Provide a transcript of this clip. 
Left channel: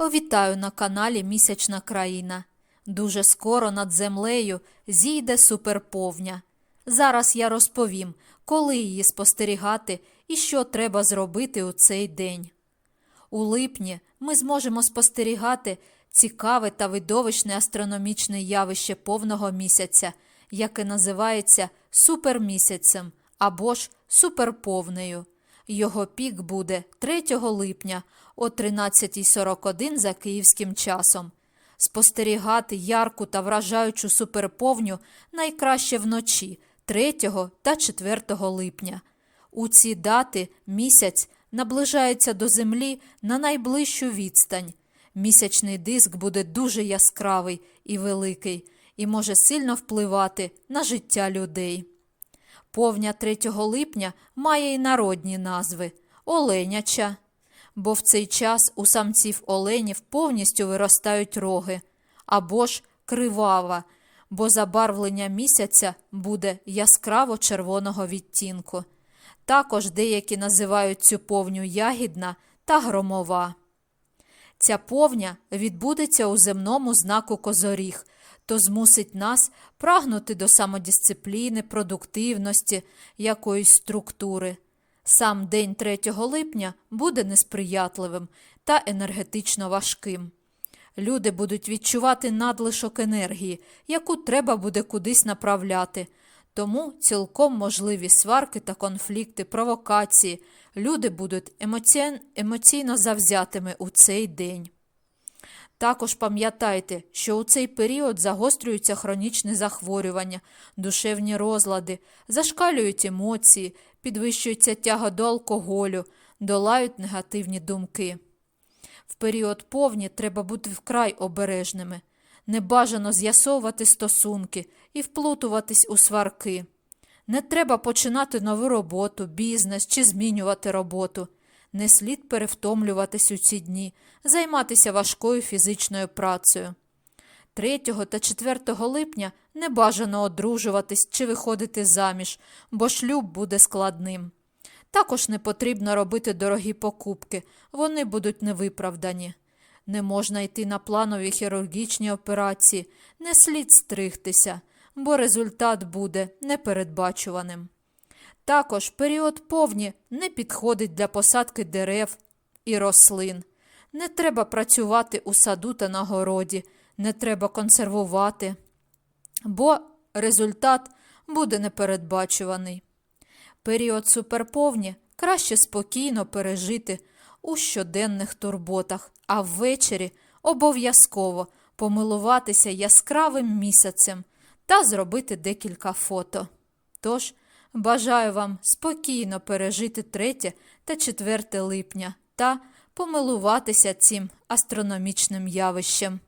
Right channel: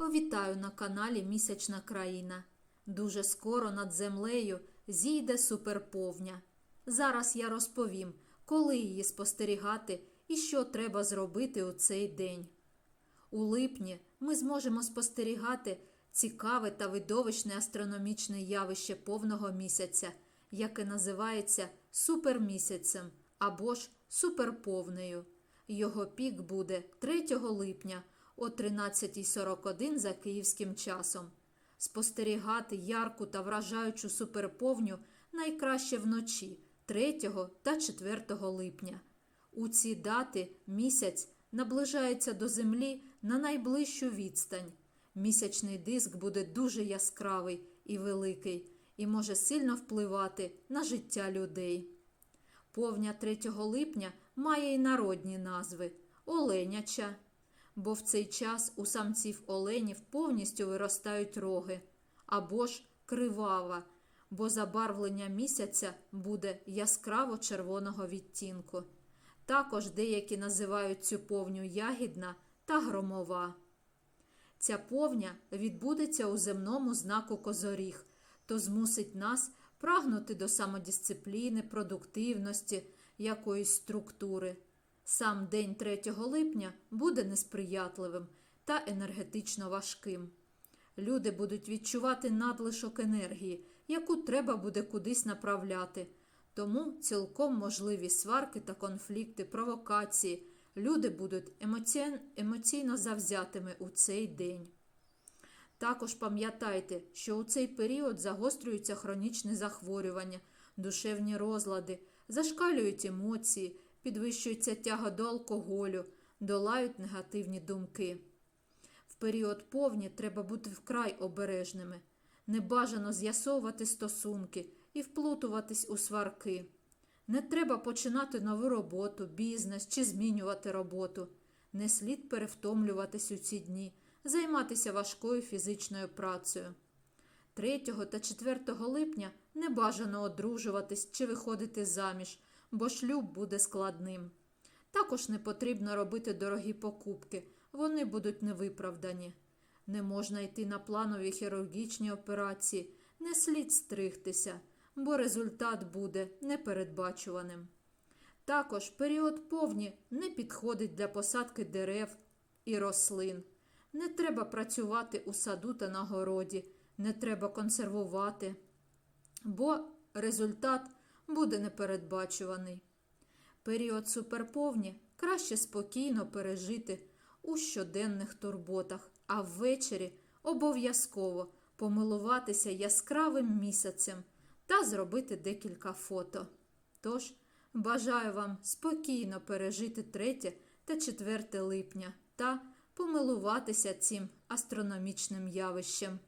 Вітаю на каналі Місячна країна. Дуже скоро над землею зійде суперповня. Зараз я розповім, коли її спостерігати і що треба зробити у цей день. У липні ми зможемо спостерігати цікаве та видовищне астрономічне явище повного місяця, яке називається супермісяцем або ж суперповнею. Його пік буде 3 липня о 13.41 за київським часом. Спостерігати ярку та вражаючу суперповню найкраще вночі 3 та 4 липня. У ці дати місяць наближається до Землі на найближчу відстань. Місячний диск буде дуже яскравий і великий і може сильно впливати на життя людей. Повня 3 липня має й народні назви Оленяча, бо в цей час у самців оленів повністю виростають роги, або ж кривава, бо забарвлення місяця буде яскраво червоного відтінку. Також деякі називають цю повню ягідна та громова. Ця повня відбудеться у земному знаку Козоріг, то змусить нас прагнути до самодисципліни, продуктивності, якоїсь структури. Сам день 3 липня буде несприятливим та енергетично важким. Люди будуть відчувати надлишок енергії, яку треба буде кудись направляти. Тому цілком можливі сварки та конфлікти, провокації. Люди будуть емоційно завзятими у цей день. Також пам'ятайте, що у цей період загострюються хронічні захворювання, душевні розлади, зашкалюють емоції, підвищується тяга до алкоголю, долають негативні думки. В період повні треба бути вкрай обережними. Небажано з'ясовувати стосунки і вплутуватись у сварки. Не треба починати нову роботу, бізнес чи змінювати роботу. Не слід перевтомлюватись у ці дні, займатися важкою фізичною працею. 3 та 4 липня не бажано одружуватись чи виходити заміж, бо шлюб буде складним. Також не потрібно робити дорогі покупки, вони будуть невиправдані. Не можна йти на планові хірургічні операції, не слід стригтися, бо результат буде непередбачуваним. Також період повні не підходить для посадки дерев і рослин. Не треба працювати у саду та на городі, не треба консервувати, бо результат буде непередбачуваний. Період суперповні краще спокійно пережити у щоденних турботах, а ввечері обов'язково помилуватися яскравим місяцем та зробити декілька фото. Тож, бажаю вам спокійно пережити 3 та 4 липня та помилуватися цим астрономічним явищем.